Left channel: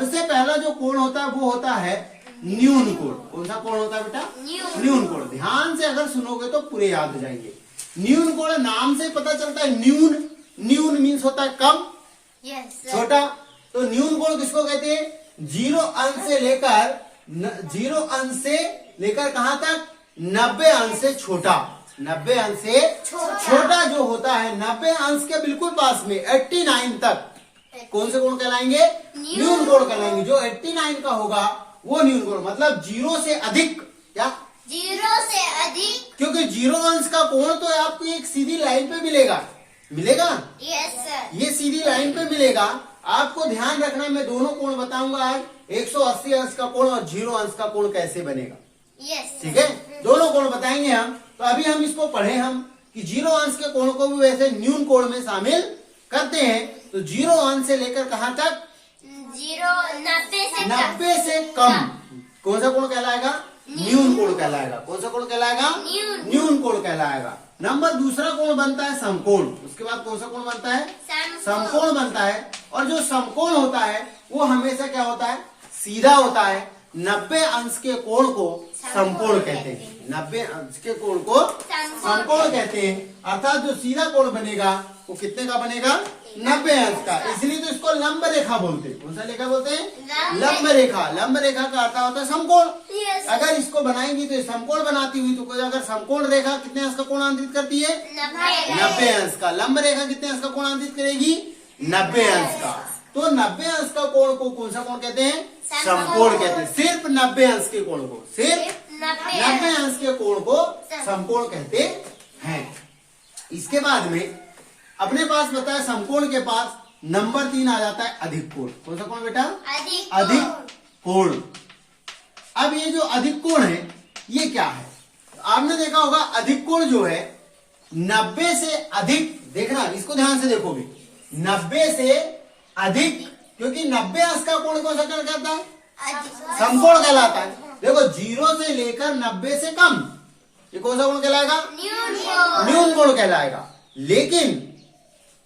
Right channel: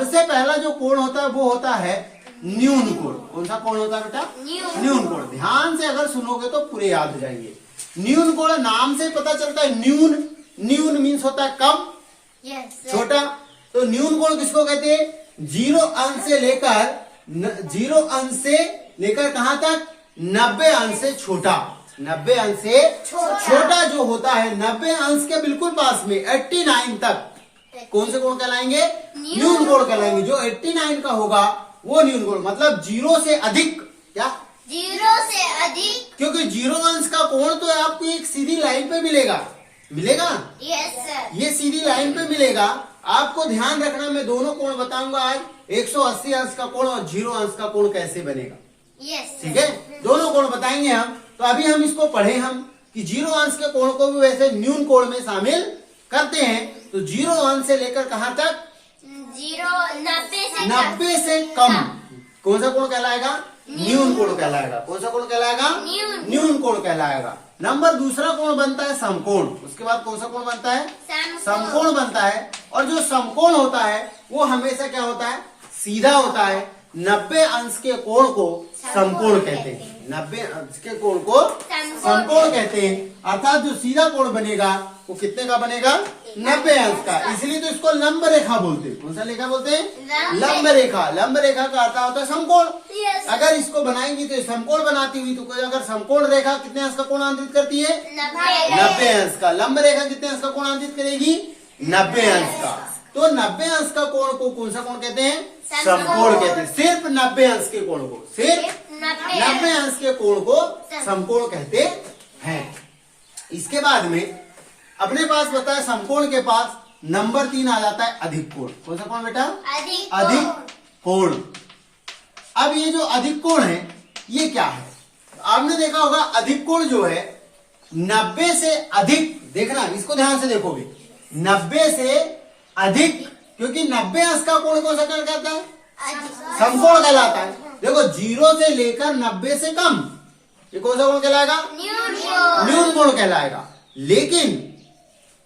सबसे पहला जो कोण होता है वो होता है न्यून कोण। कौन सा कोण होता है बेटा? न्यून कोण। ध्यान से अगर सुनोगे तो पूरे याद हो जाएंगे। न्यून कोण नाम से पता चलता है, न्यून, न्यून मीन्स होता है कम, छोटा। तो न्यून कोण किसको कहते हैं? 0 अंश से लेकर 0 अंश से लेकर कहां तक? 90 अंश से छोटा। 90 अंश से छोटा जो होता है, 90 अंश के बिल्कुल पास में 89 तक कौन से कोण कहलाएंगे? न्यून कोण कहलाएंगे। जो 89 का होगा वो न्यून कोण, मतलब 0 से अधिक। क्या? 0 से अधिक। क्योंकि 0 अंश का कोण तो आपको एक सीधी लाइन पे मिलेगा, मिलेगा। Yes sir. ये सीधी लाइन पे मिलेगा। आपको ध्यान रखना, मैं दोनों कोण बताऊंगा आज, 180 अंश का कोण और 0 अंश का कोण कैसे बनेगा। यस ठीक है, दोनों कोण बताएंगे हम। तो अभी हम इसको पढ़े हम कि 0 अंश के कोण को भी वैसे न्यून कोण में शामिल करते हैं। तो 0 अंश से लेकर कहां तक? 90 से कम कौन सा कोण कहलाएगा? न्यून कोण कहलाएगा। कौन सा कोण कहलाएगा? न्यून कोण कहलाएगा। नंबर दूसरा कोण बनता है समकोण। उसके बाद कौन सा कोण बनता है? समकोण बनता है। और जो समकोण होता है वो हमेशा क्या होता है? सीधा होता है। 90 अंश के कोण को समकोण कहते हैं। 90 अंश के कोण को समकोण कहते हैं। अर्थात जो सीधा कोण बनेगा वो कितने का बनेगा? 90 अंश का। इसलिए तो इसको लंब रेखा बोलते हैं। कौन सा रेखा बोलते हैं? लंब रेखा। लंब रेखा का अर्थ होता है समकोण। अगर इसको बनाएंगी तो समकोण बनाती हुई, तो कोई अगर समकोण रेखा कितने अंश का कोणांतरित करती है? 90 अंश का। लंब रेखा कितने अंश का कोणांतरित करेगी? 90 अंश का। तो 90 अंश का कोण को कौन सा कोण कहते हैं? समकोण कहते हैं। सिर्फ 90 अंश के कोण को, सिर्फ 90 अंश के कोण को समकोण कहते हैं। इसके बाद में अपने पास बताया समकोण के पास नंबर 3 आ जाता है अधिक कोण। कौन सा कोण बेटा? अधिक कोण। अब ये जो अधिक कोण है ये क्या है? आपने देखा होगा अधिक कोण जो है 90 से अधिक, देखना इसको ध्यान से देखोगे, 90 से अधिक, क्योंकि 90 अंश का कोण कौन सा कोण कहता है? समकोण कहलाता है। देखो 0 से लेकर 90 से कम, ये कौन सा कोण कहलाएगा? न्यून कोण कहलाएगा। लेकिन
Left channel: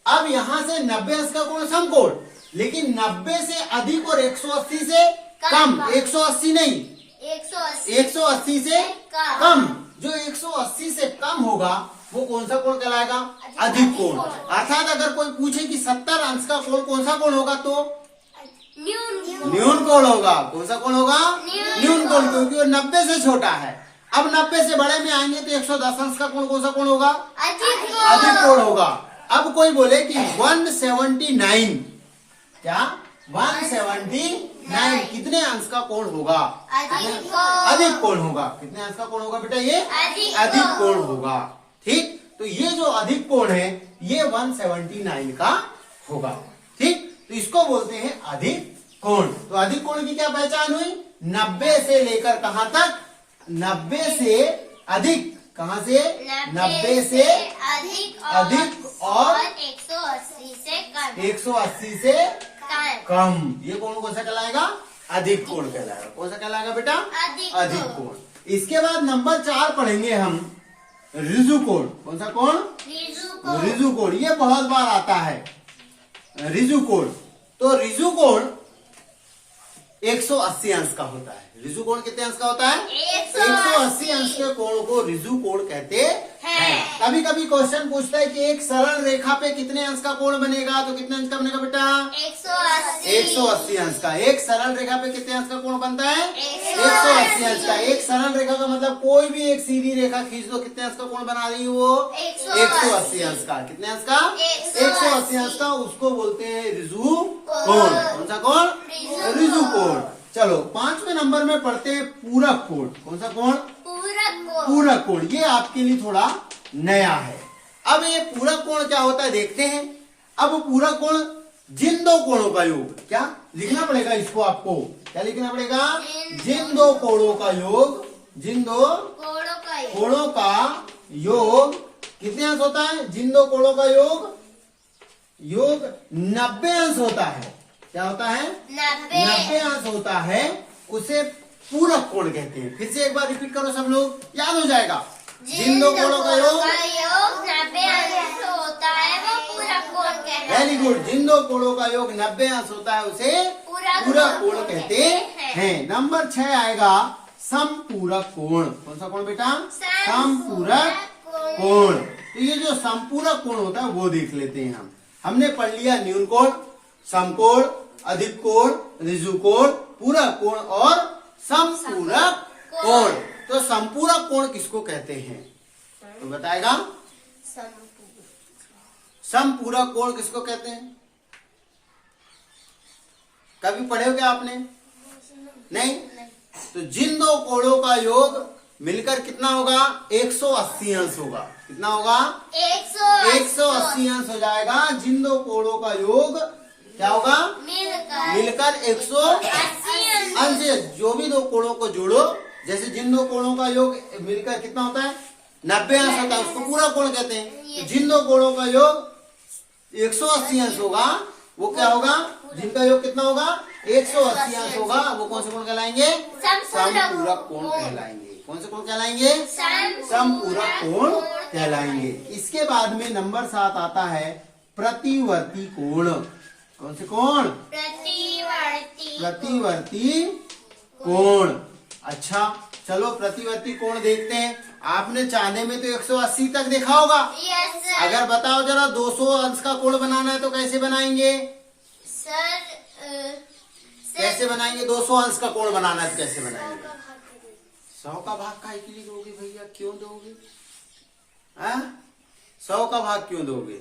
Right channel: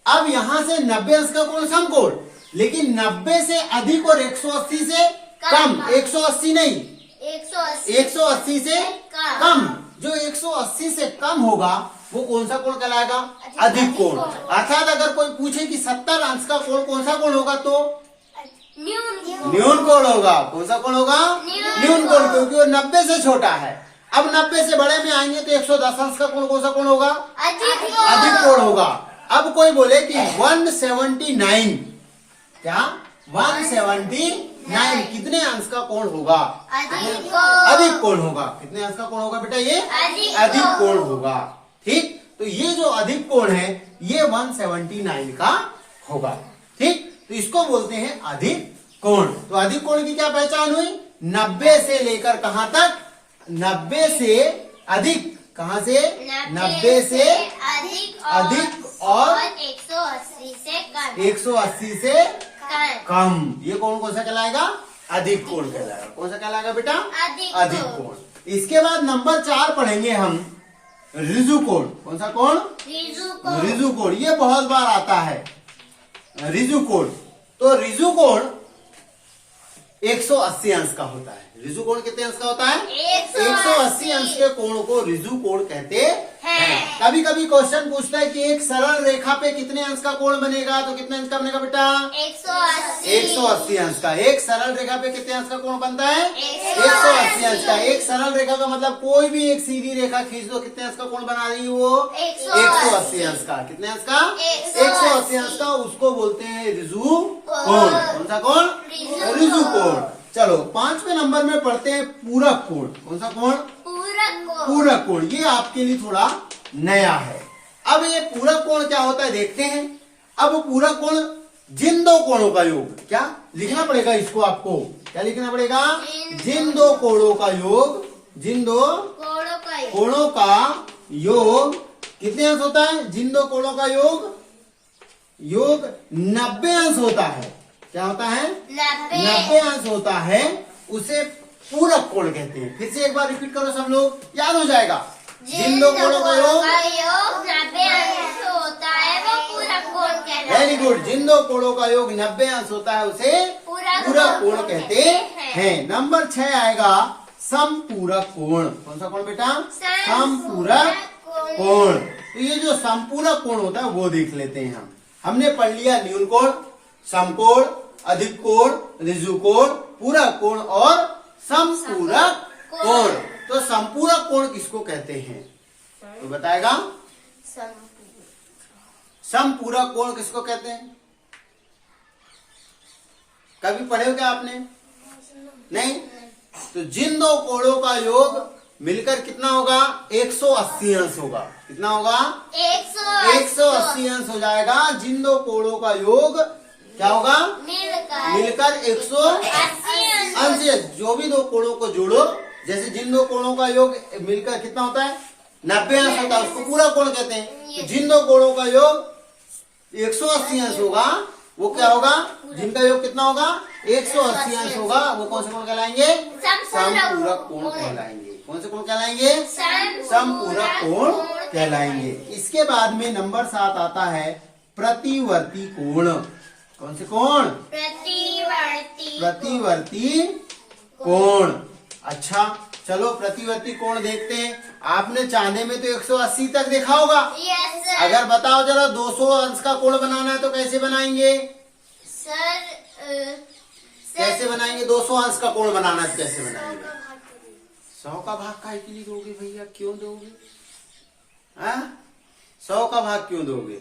अब यहां से 90 अंश का कोण समकोण, लेकिन 90 से अधिक और 180 से कम, 180 नहीं, 180 से कम, जो 180 से कम होगा वो कौन सा कोण कहलाएगा? अधिक कोण। अर्थात अगर कोई पूछे कि 70 अंश का कोण कौन सा कोण होगा, तो न्यून कोण होगा। कौन सा कोण होगा? न्यून कोण, क्योंकि वो 90 से छोटा है। अब 90 से बड़े में आएंगे तो 110 अंश का कोण कौन सा कोण होगा? अधिक कोण होगा। अब कोई बोले कि 179, क्या 179 कितने अंश का कोण होगा? अधिक कोण होगा। कितने अंश का कोण होगा बेटा? ये अधिक कोण होगा। ठीक, तो ये जो अधिक कोण है ये 179 का होगा। ठीक, तो इसको बोलते हैं अधिक कोण। तो अधिक कोण की क्या पहचान हुई? 90 से लेकर कहां तक? 90 से अधिक। कहां से? 90 से अधिक और 180 से कम। ये कोण कौन सा कहलाएगा? अधिक कोण कहलाएगा। कौन सा कहलाएगा बेटा? अधिक कोण। इसके बाद नंबर 4 पढ़ेंगे हम ऋजु कोण। कौन सा कोण? ऋजु कोण। ये बहुत बार आता है ऋजु कोण। तो ऋजु कोण 180 अंश का होता है। ऋजु कोण कितने अंश का होता है? 180 अंश के कोण को ऋजु कोण कहते हैं। कभी कभी क्वेश्चन पूछता है कि एक सरल रेखा पे कितने अंश का कोण बनेगा, तो कितने अंश का बनेगा बेटा? 180 अंश का। एक सरल रेखा पे कितने अंश का कोण बनता है? 180 अंश का। एक सरल रेखा का मतलब कोई भी एक सीधी रेखा खींच दो, कितने अंश का कोण बना रही है वो? 180 अंश का। कितने अंश का? 180 अंश का। उसको बोलते हैं ऋजु कोण। कौन सा कोण? ऋजु कोण। चलो 5वें नंबर में पढ़ते हैं पूरक कोण। कौन सा कोण? पूरक कोण। ये आपके लिए थोड़ा नया है। अब ये पूरक कोण क्या होता है देखते हैं। अब पूरक कोण जिन दो कोणों का योग, क्या लिखना पड़ेगा इसको आपको? क्या लिखना पड़ेगा? जिन दो कोणों का योग, जिन दो कोणों का योग कितने अंश होता है? जिन दो कोणों का योग 90 अंश होता है। क्या होता है? 90 अंश होता है। उसे पूरक कोण कहते हैं। फिर से एक बार रिपीट करो सब लोग, याद हो जाएगा। जिन दो कोणों का योग 90 अंश होता है वो पूरक कोण कहलाता है। Very good. जिन दो कोणों का योग 90 अंश होता है उसे पूरक कोण कहते हैं। नंबर 6 आएगा समपूरक कोण। कौन सा कोण बेटा? समपूरक कोण। तो ये जो समपूरक कोण होता है वो देख लेते हैं हम। हमने पढ़ लिया न्यून कोण, समकोण, अधिक कोण, ऋजु कोण, पूरक कोण और समपूरक कोण। तो समपूरक कोण किसको कहते हैं तो बताएगा? समपूरक कोण किसको कहते हैं? कभी पढ़े हो क्या आपने? नहीं? तो जिन दो कोणों का योग मिलकर कितना होगा? 180 अंश होगा। कितना होगा? 180 अंश हो जाएगा। जिन दो कोणों का योग क्या होगा? मिलकर 180 अंश। जो भी दो कोणों को जोड़ो, जैसे जिन दो कोणों का योग मिलकर कितना होता है? 90 अंश होता है, उसको पूरा कोण कहते हैं। तो जिन दो कोणों का योग 180 अंश होगा वो क्या होगा? जिनका योग कितना होगा? 180 अंश होगा। वो कौन से कोण कहलाएंगे? समपूरक कोण कहलाएंगे। कौन से कोण कहलाएंगे? समपूरक कोण कहलाएंगे। इसके बाद में नंबर 7 आता है प्रतिवर्ती कोण। कौन से कोण? प्रतिवर्ती कोण। अच्छा चलो प्रतिवर्ती कोण देखते हैं। आपने चांदे में तो 180 तक देखा होगा। अगर बताओ जरा 200 अंश का कोण बनाना है तो कैसे बनाएंगे? कैसे बनाएंगे? 200 अंश का कोण बनाना है तो कैसे बनाएंगे? 100 का भाग काहे के लिए दोगे भैया? क्यों दोगे? 100 का भाग क्यों दोगे?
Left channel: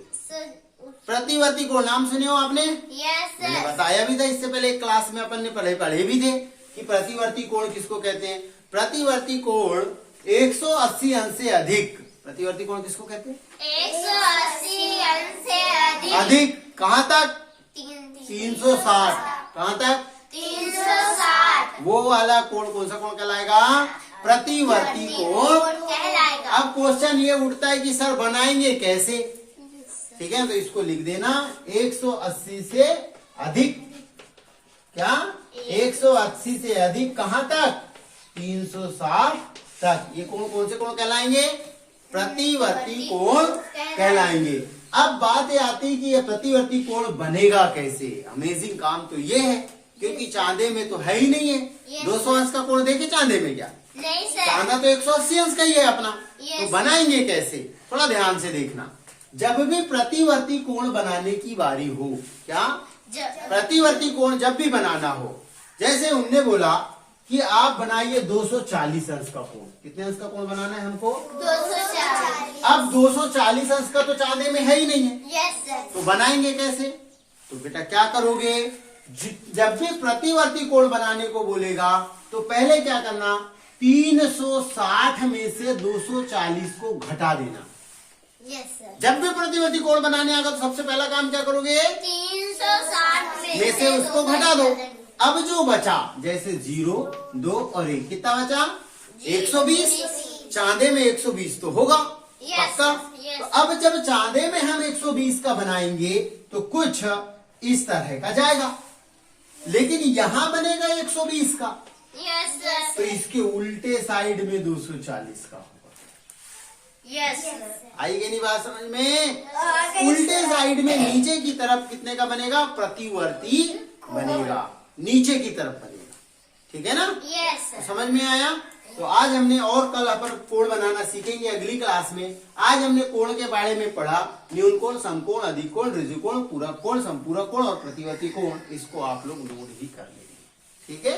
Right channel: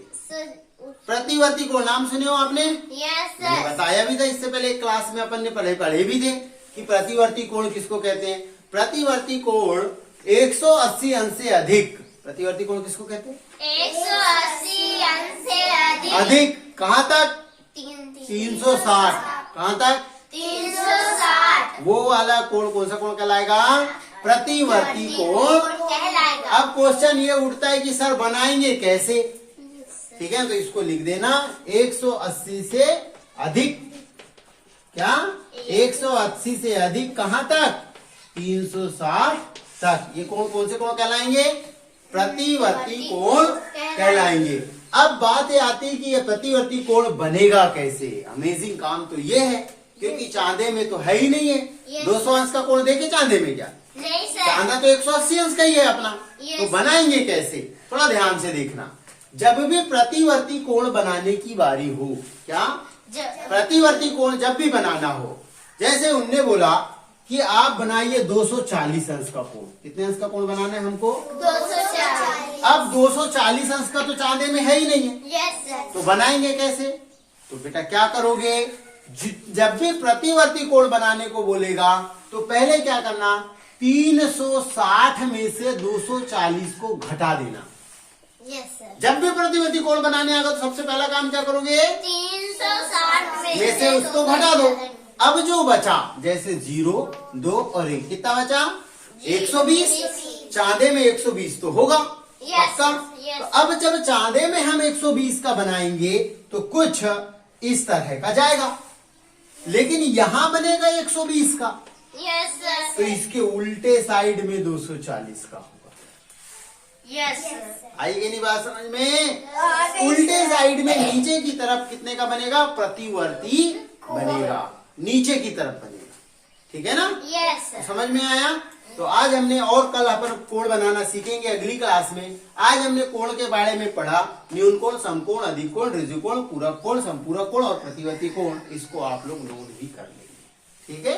प्रतिवर्ती कोण नाम सुने हो आपने? मैंने बताया भी था इससे पहले एक क्लास में, अपन ने पढ़े भी थे कि प्रतिवर्ती कोण किसको कहते हैं। प्रतिवर्ती कोण 180 अंश से अधिक। प्रतिवर्ती कोण किसको कहते हैं? 180 अंश से अधिक। कहाँ तक? 360। कहाँ तक? 360। वो वाला कोण कौन सा कोण कहलाएगा? प्रतिवर्ती कोण कहलाएगा। अब क्वेश्चन ये उठता है कि सर बनाएंगे कैसे? ठीक है, तो इसको लिख देना 180 से अधिक। क्या? 180 से अधिक कहाँ तक? 360 तक। ये कोण कौन से कोण कहलाएंगे? प्रतिवर्ती कोण कहलाएंगे। अब बात ये आती है कि ये प्रतिवर्ती कोण बनेगा कैसे? अमेजिंग काम तो ये है क्योंकि चांदे में तो है ही नहीं है। 200 अंश का कोण देखे चांदे में क्या? नहीं सर। चांदा तो 180 अंश का ही है अपना। तो बनाएंगे कैसे? थोड़ा ध्यान से देखना। जब भी प्रतिवर्ती कोण बनाने की बारी हो, क्या प्रतिवर्ती कोण जब भी बनाना हो, जैसे उनने बोला कि आप बनाइए 240 अंश का कोण। कितने अंश का कोण बनाना है हमको? 240। अब 240 अंश का तो चांदे में है ही नहीं है। Yes sir. तो बनाएंगे कैसे? तो बेटा क्या करोगे? जब भी प्रतिवर्ती कोण बनाने को बोलेगा तो पहले क्या करना? 360 में से 240 को घटा देना। Yes sir. जब भी प्रतिवर्ती कोण बनाने आएगा तो सबसे पहला काम क्या करोगे? 360 में से उसको घटा दो। अब जो बचा, जैसे 0, 2 और 1, कितना बचा? 120। चांदे में 120 तो होगा पक्का। तो अब जब चांदे में हम 120 का बनाएंगे तो कुछ इस तरह का जाएगा, लेकिन यहां बनेगा 120 का। Yes sir. तो इसके उल्टे साइड में 240 का होगा। Yes sir. आएगी नहीं बात समझ में? उल्टे साइड में नीचे की तरफ कितने का बनेगा? प्रतिवर्ती बनेगा, नीचे की तरफ बनेगा। ठीक है ना? Yes sir. समझ में आया? तो आज हमने, और कल अपन कोण बनाना सीखेंगे अगली क्लास में। आज हमने कोण के बारे में पढ़ा। न्यून कोण, समकोण, अधिक कोण, ऋजु कोण, पूरक कोण, समपूरक कोण और प्रतिवर्ती कोण। इसको आप लोग नोट ही कर लेंगे। ठीक है?